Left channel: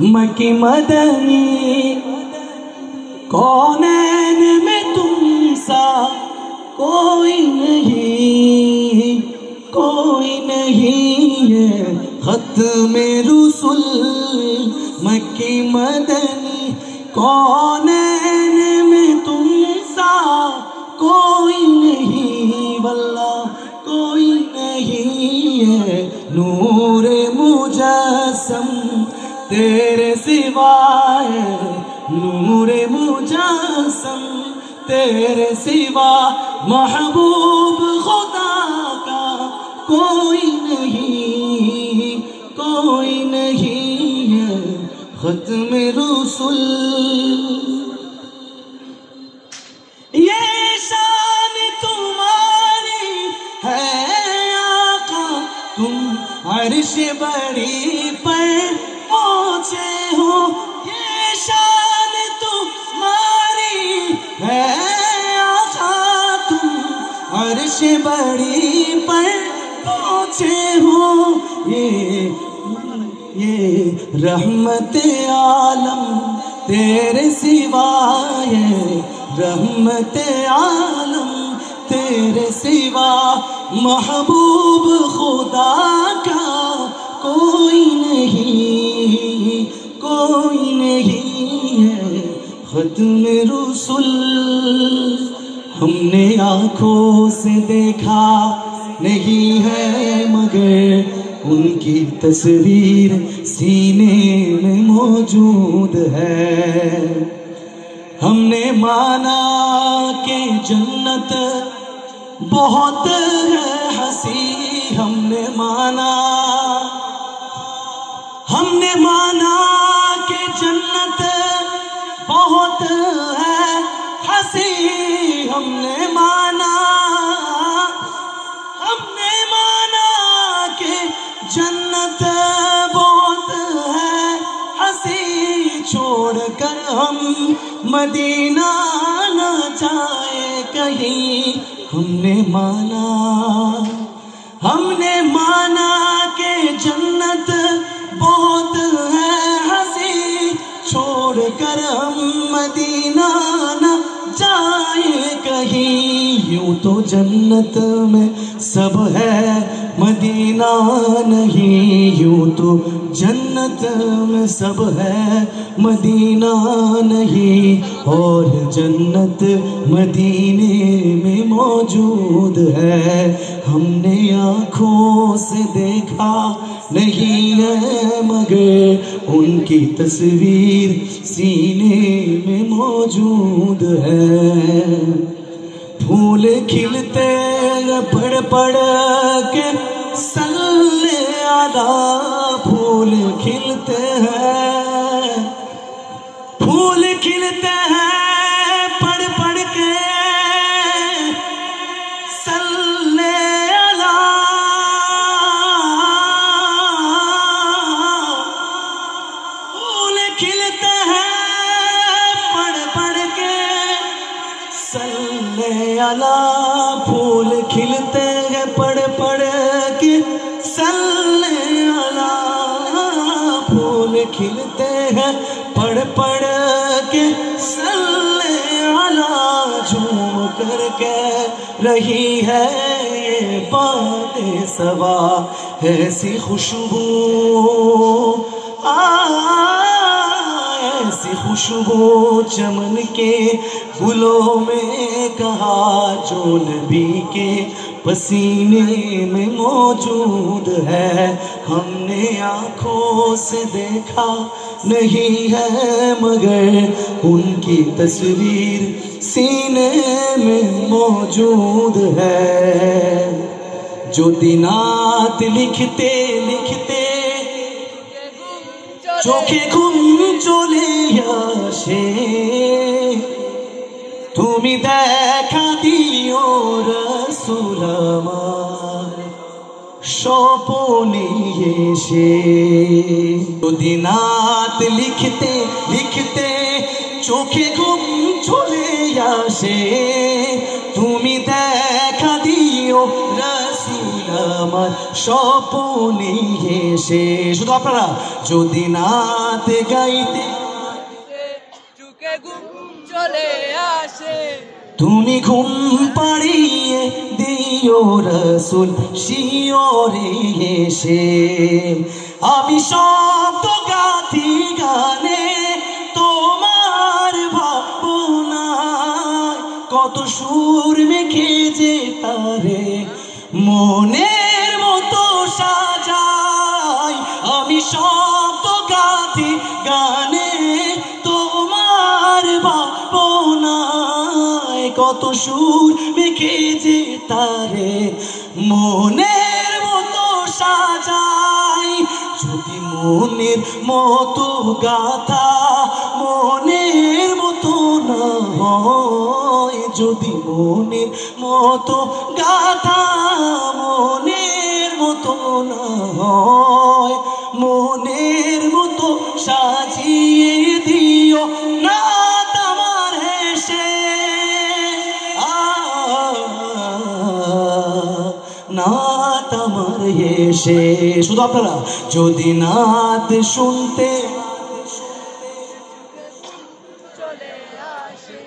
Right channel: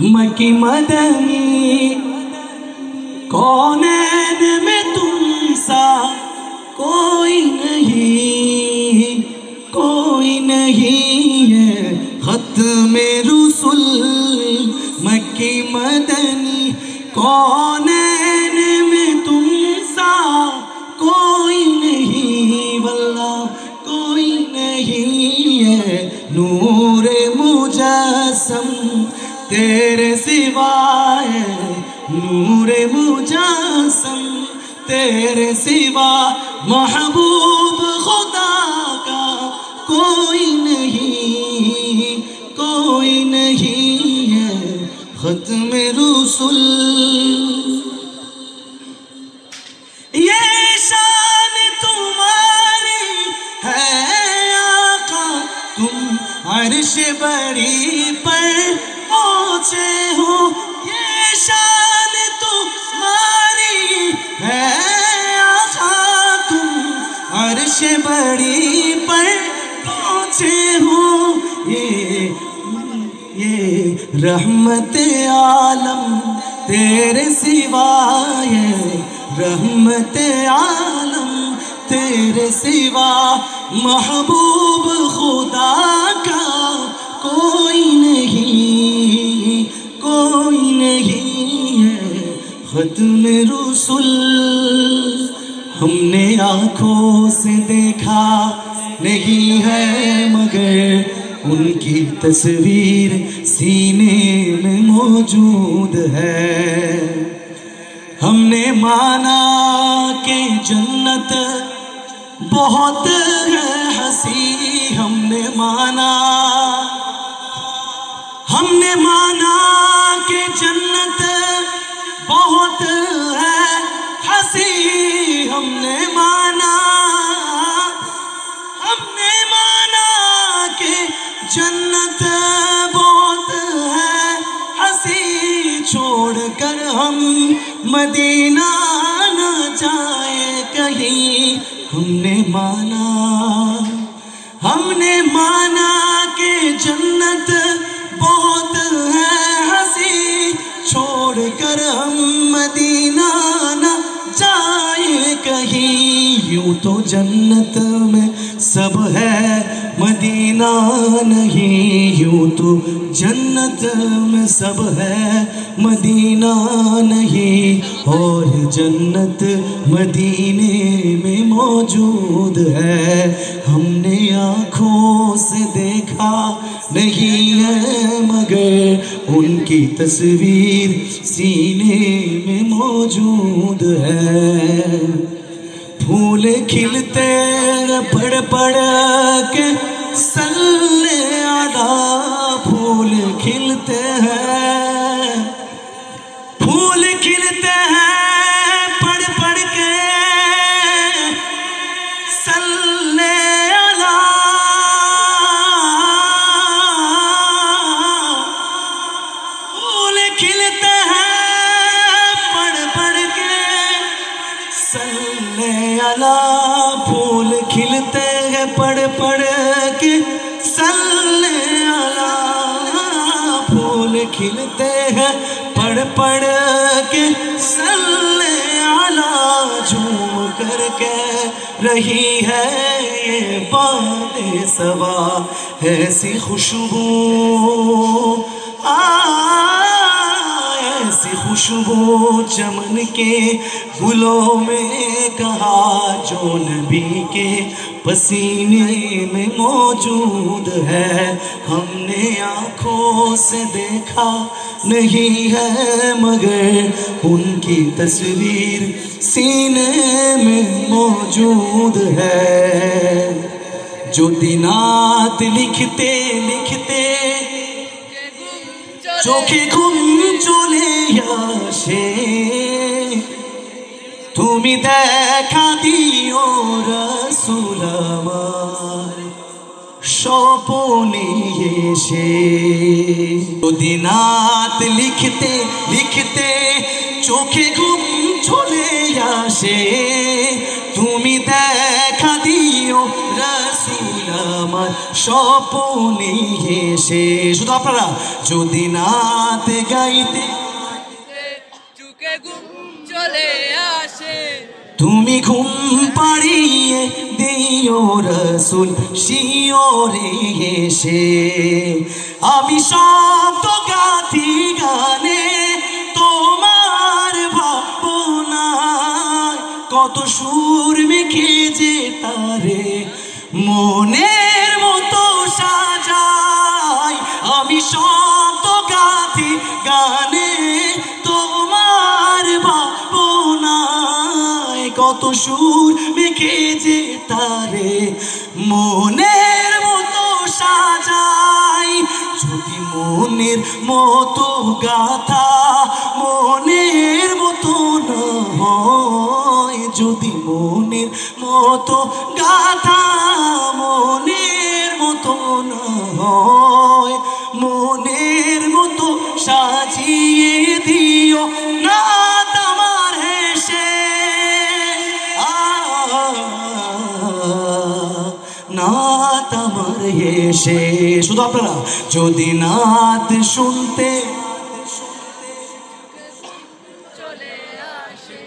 मकी मदनी कौनैन में तुम सा कोई नहीं है ख़त्म रुसूल मक्की मदनी कौनैन में तुम सा कोई नहीं वल्लाह कोई नहीं है नूरे मुजस्सम तेरे सिवाय नूरे मुजस्सम तेरे सिवा महबूब खुदा का कोई नहीं है ख़त्म रुसूल ये शान तुम्हारी है आका तुम अर्श बड़ी पर पहुँचे हो ये शान तुम्हारी है आका तुम अर्श बड़ी पर पहुँचे हो ये रहमत आलम तेरे सिवाय रहमत आलम तेरे सिवा महबूब खुदा का कोई नहीं है ख़त्म रुसूल हमने आँखों से देखा नहीं है मगर उनकी तस्वीर सीने में मौजूद है हमने माना कि जन्नत बहुत है हंसी हमने माना कि जन्नत बहुत है हंसी हमने माना कि जन्नत बहुत है हंसी छोड़कर हम मदीना न जाए कहीं हमने माना कि जन्नत बहुत है हंसी छोड़कर हम मदीना न जाए कहीं यूं तो जन्नत में सब है मदीना नहीं यूं तो जन्नत में सब है मदीना नहीं और जन्नत मदीने में मौजूद है हमने आँखों से देखा नहीं है मगर उनकी तस्वीर सीने में मौजूद है फूल खिलते पड़ के सल्ले आला फूल खिलते हैं पड़ के सल्ले आला फूल खिलते हैं पड़ के सल्ले आला फूल खिलते हैं पड़ के सल्ले आला फूल खिलते हैं पड़ के सल्ले आला झूम करके रही है बादे सवा ऐसी खुशबू ऐसी खुशबू चमन के गुलों में कहा जो नबी के पसीने में मौजूद है हमने आँखों से देखा नहीं है मगर उनकी तस्वीर सीने में मौजूद है जो दिनात लिखते চোখে ঘুম চলে আসে তুমি দেখা দিও রাসূল আমার স্বপনে এসে দিনাত লিখতে চোখে ঘুম চলে আসে তুমি দেখা দিও রাসূল আমার স্বপনে এসে শুধু আপনারা যদি নাতে গাইতে চুকে ঘুম চলে আসে, তুমি ঘুম পাড়িয়ে দিও রসুল শিওরে এসে। আমি শব্দ গাথি গানে তোমার ভাবনায়, কত সুর মেখে যে তারে মনের মতো সাজাই। আমি শব্দ গাথি গানে তোমার ভাবনায়, কত সুর মেখে যে তারে মনের মতো সাজাই। যদি মনের মতো গাথা মনের মতো না হয়, যদি মনের মতো গাথা মনের মতো না হয়, মনের মতো সাজিয়ে দিও না তোমার হেসে। না তোমার হেসে। শুধু আপনারা যদি নাত শুনতে চলে আসে,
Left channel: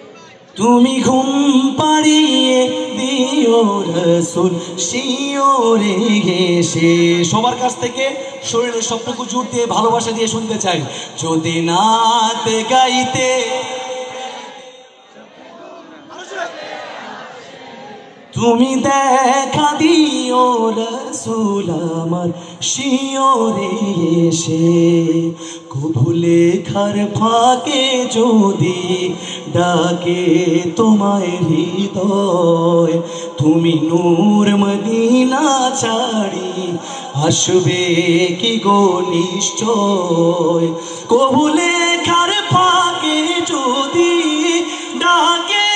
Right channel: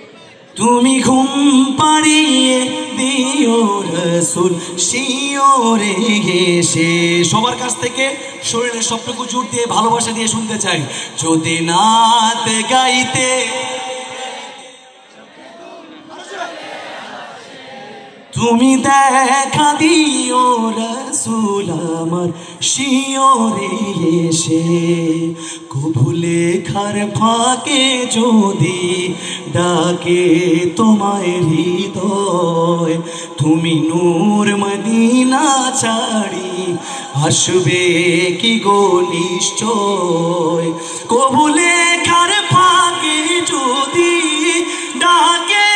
তুমি ঘুম পাড়িয়ে দিও রসুল শিওরে এসে। সবার কাছ থেকে শরীরের সবটুকু জোর দিয়ে ভালোবাসা দিয়ে শুনতে চাই। যদি নাত গাইতে তুমি দেখা দিও রসুল আমার শিওরে এসে। কবু লেখার ফাঁকে যদি ডাকে তোমায় হৃদয়, তুমি নূর মদিনা ছাড়ি আসবে কি গো নিশ্চয়। কবু লেখার ফাঁকে যদি ডাকে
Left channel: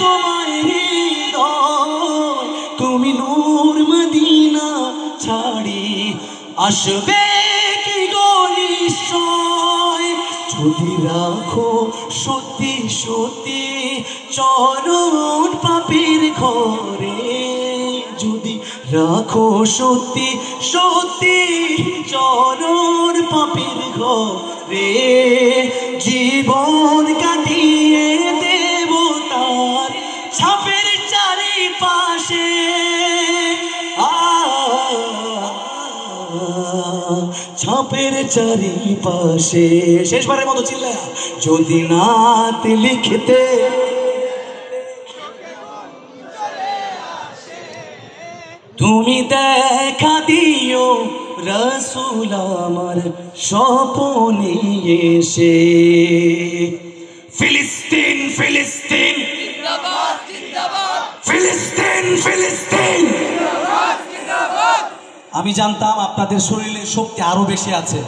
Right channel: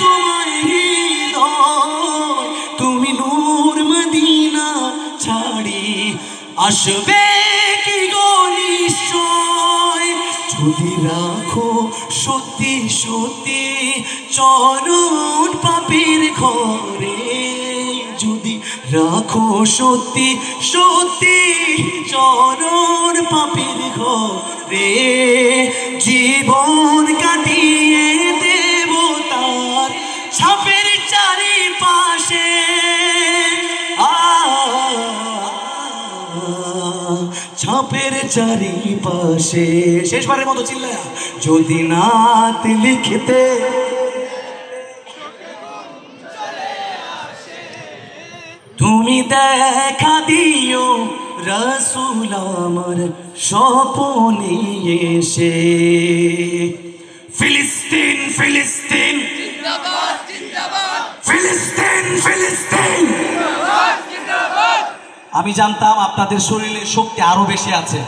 তোমায় হৃদয়, তুমি নূর মদিনা ছাড়ি আসবে কি গো নিশ্চয়। যদি রাখো সত্যি সত্যি চরণ পাপীর ঘরে, যদি রাখো সত্যি সত্যি চরণ পাপীর ঘরে, জীবন কাটিয়ে দেব তার ছাপের চারিপাশে। ছাপের চারিপাশে। শেষবারের মতো চিল্লায়া যদি নাত লিখতে তুমি দেখা দিও রসুল আমার স্বপনে এসে। ফিলিস্তিন ফিলিস্তিন জিন্দাবাদ জিন্দাবাদ, ফিলিস্তিন ফিলিস্তিন। জিন্দাবাদ জিন্দাবাদ। আমি জানতাম আপনাদের শরীরে শক্তি আরো বেশি আছে,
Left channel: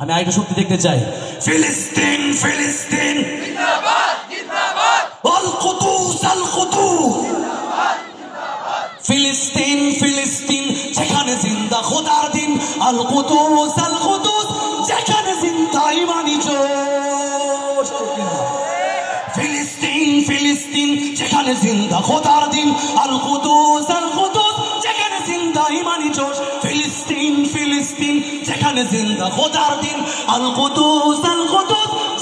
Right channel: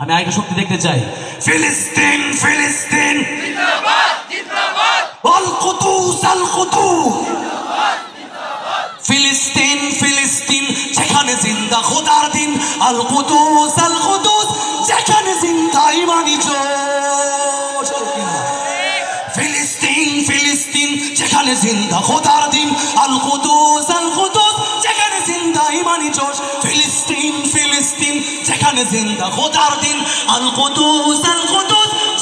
আমি আরেকটু শক্তি দেখতে চাই। ফিলিস্তিন ফিলিস্তিন জিন্দাবাদ জিন্দাবাদ, আল কুদুস আল কুদুস। ফিলিস্তিন ফিলিস্তিন যেখানে জিন্দা খোদার দিন, আল কুদুস যেখানে জিন্দা ইমানি জোশ। ফিলিস্তিন ফিলিস্তিন যেখানে জিন্দা খোদার দিন, আল কুদুস যেখানে জিন্দা ইমানি জোশ। ফিলিস্তিন ফিলিস্তিন যেখানে জিন্দা খোদার দিন, আল কুদুস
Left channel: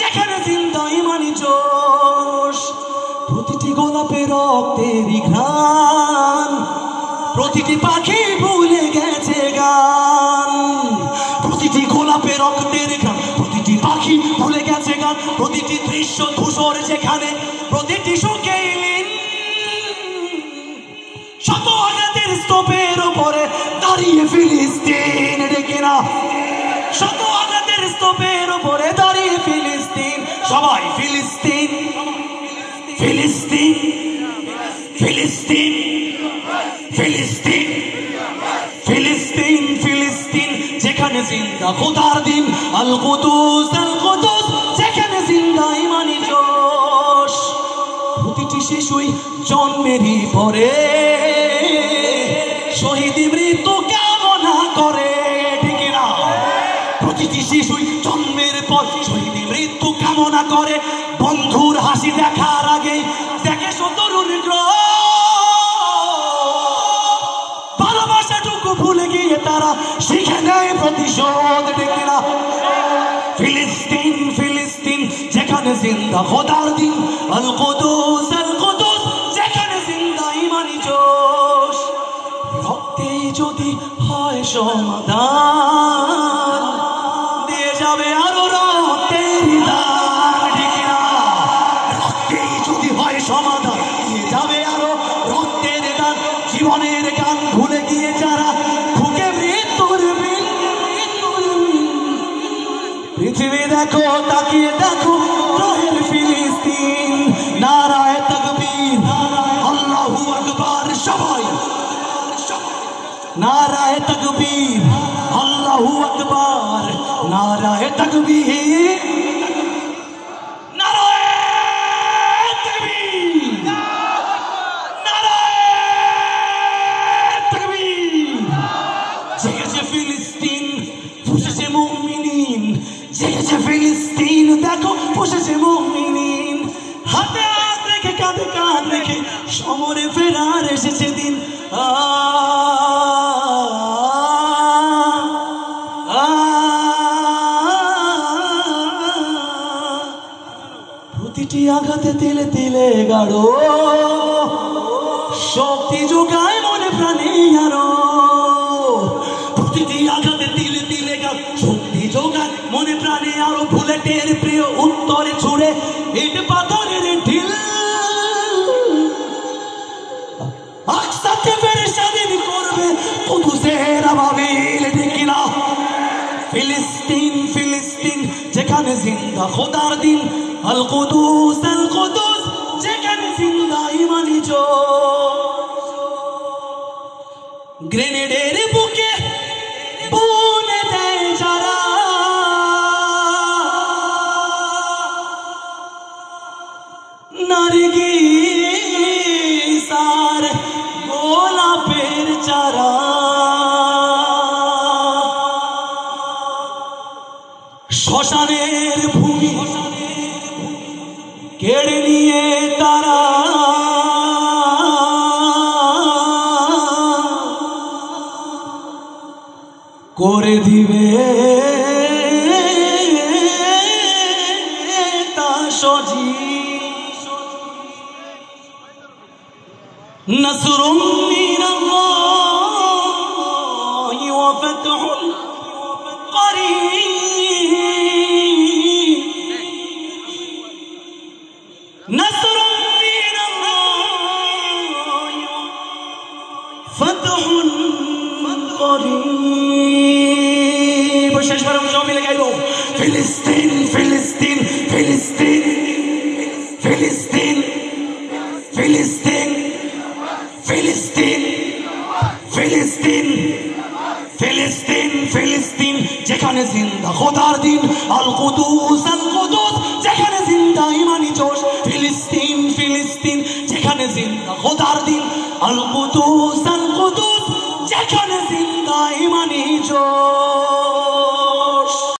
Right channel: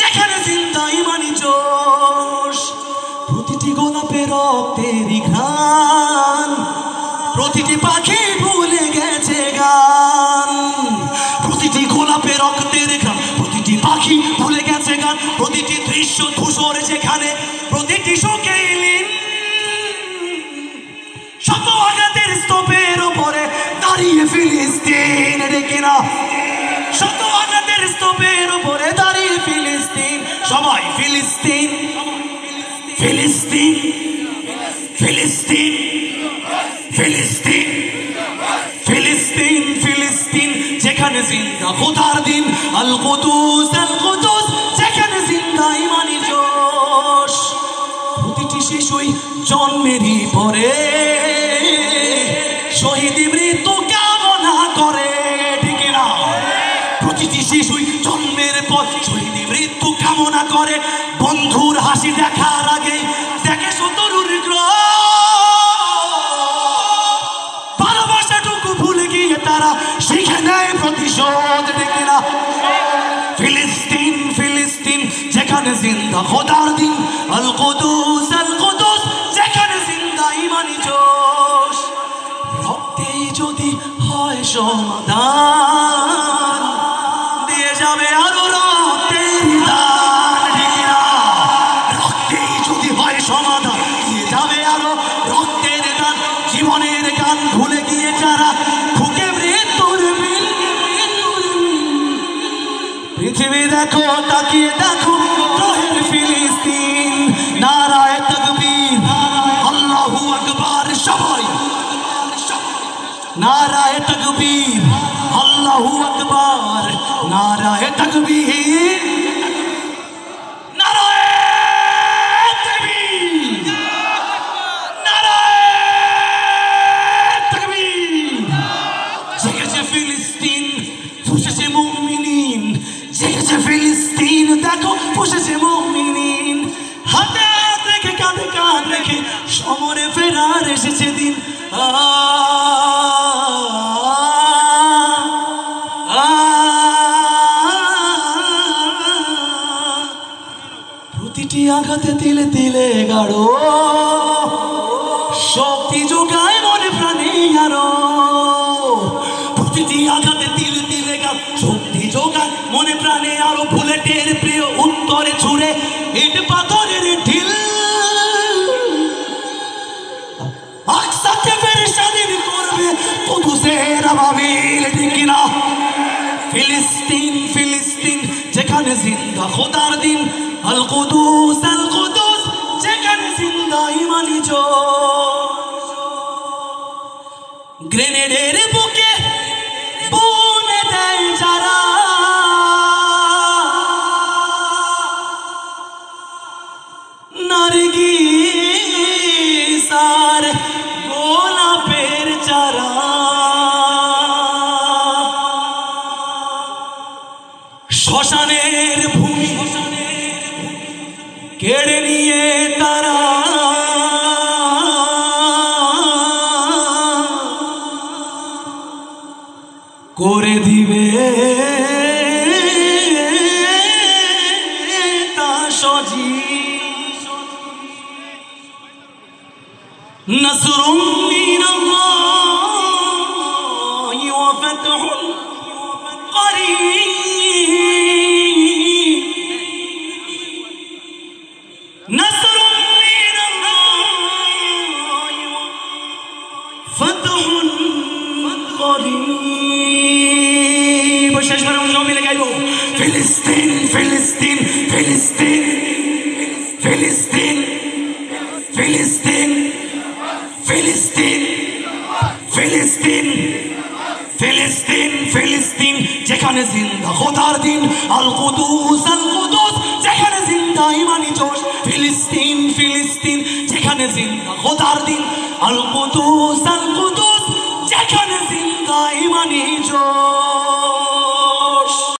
যেখানে জিন্দা ইমানি জোশ। প্রতিটি গোলাপের রক্তেরই ঘ্রাণ, প্রতিটি পাখি ভুলে গেছে গান। প্রতিটি গোলাপের রক্তের ঘ্রাণ, প্রতিটি পাখি ভুলে গেছে গান। প্রতিটি দৃশ্য ধূসর যেখানে, প্রতিটি সুখে শত আঘাতের স্তূপের উপরে দাঁড়িয়ে ফিলিস্তিন। ডেকে না, শত আঘাতের স্তূপের উপরে দাঁড়িয়ে ফিলিস্তিন। সবাই ফিলিস্তিন ফিলিস্তিন ফিলিস্তিন ফিলিস্তিন ফিলিস্তিন ফিলিস্তিন যেখানে জিন্দা খোদার দিন, আল কুদুস যেখানে জিন্দা ইমানি জোশ। প্রতিটি শিশুই জন্মেরই পরে শহীদ মৃত্যু কামনা করে। ঠিক না? প্রতিটি শিশুই জন্মের পর শহীদ মৃত্যু কামনা করে। বন্ধুর হাসি দেখার আগেই দেখে শত্রুর গ্রহ। ভালোবাসাটুকু ভুলে গিয়ে তারা শিখে নেয় প্রতিশোধ। ঠিক না? জিন্দা খোদার দিন আল কুদুস যেখানে জিন্দা ইমানি জোশ রক্তেই যদি হয় সমাধান দিয়ে যাবে আরো রক্তের দান ঠিক না রক্তেই যদি হয় সমাধান দিয়ে যাবে আরো রক্তের দান জীবনের গান ভুলে গিয়ে যারা ঢুকে মৃত্যুর পৃথিবী দেখো তাকিয়ে দেখো রহের ফিলিস্তিন নারায়ে তাকবীর আল্লাহু আকবার সবাই নারায়ে তাকবীর আল্লাহু আকবার নারায়ে তাকবীর নারায়ে তাকবীর নারায়ে তাকবীর জেগেছে ফিলিস্তিন ফুঁসেছে মুমিনিন জেগেছে ফিলিস্তিন দেখো ফুঁসেছে মুমিনিন হাতে হাত রেখে কাঁধে কাঁধ রেখে সমরে ফেরার এসেছে দিন প্রতিটি আঘাতে তিলে তিলে গাঢ় শক্তি যোগায় মনে প্রাণে আরো প্রতিটি আঘাতে তিলে তিলে গাঢ় শক্তি যোগায় মনে প্রাণে আরো বুলেটের প্রিয় উত্তরে ছুড়ে ইট পাথরের ঢিল আকসাকে ফেরে স্বাধীন করবে কুদুসের আবাবিল ঠিক না ফিলিস্তিন ফিলিস্তিন যেখানে জিন্দা খোদার দিন আল কুদুস যেখানে জিন্দা ইমানি জোশ গ্রেনেডের বুকে বুনে দেয় যারা নারগিস আর গোলাপের চারা শ্মশানের ভূমি কেড়ে নিয়ে তারা করে দিবে তা সজীব নসরুম মিনাল্লাহি ওয়া ফাতহুন করিব নসরুম মিনাল্লাহি ওয়া ফাতহুন করিব শেষবার আমরা মিলে গাইব ফিলিস্তিন ফিলিস্তিন ফিলিস্তিন ফিলিস্তিন ফিলিস্তিন ফিলিস্তিন ফিলিস্তিন ফিলিস্তিন ফিলিস্তিন যেখানে জিন্দা খোদার দিন আল কুদুস যেখানে জিন্দা ইমানি জোশ ফিলিস্তিন ফিলিস্তিন যেখানে জিন্দা খোদার দিন আল কুদুস যেখানে জিন্দা ইমানি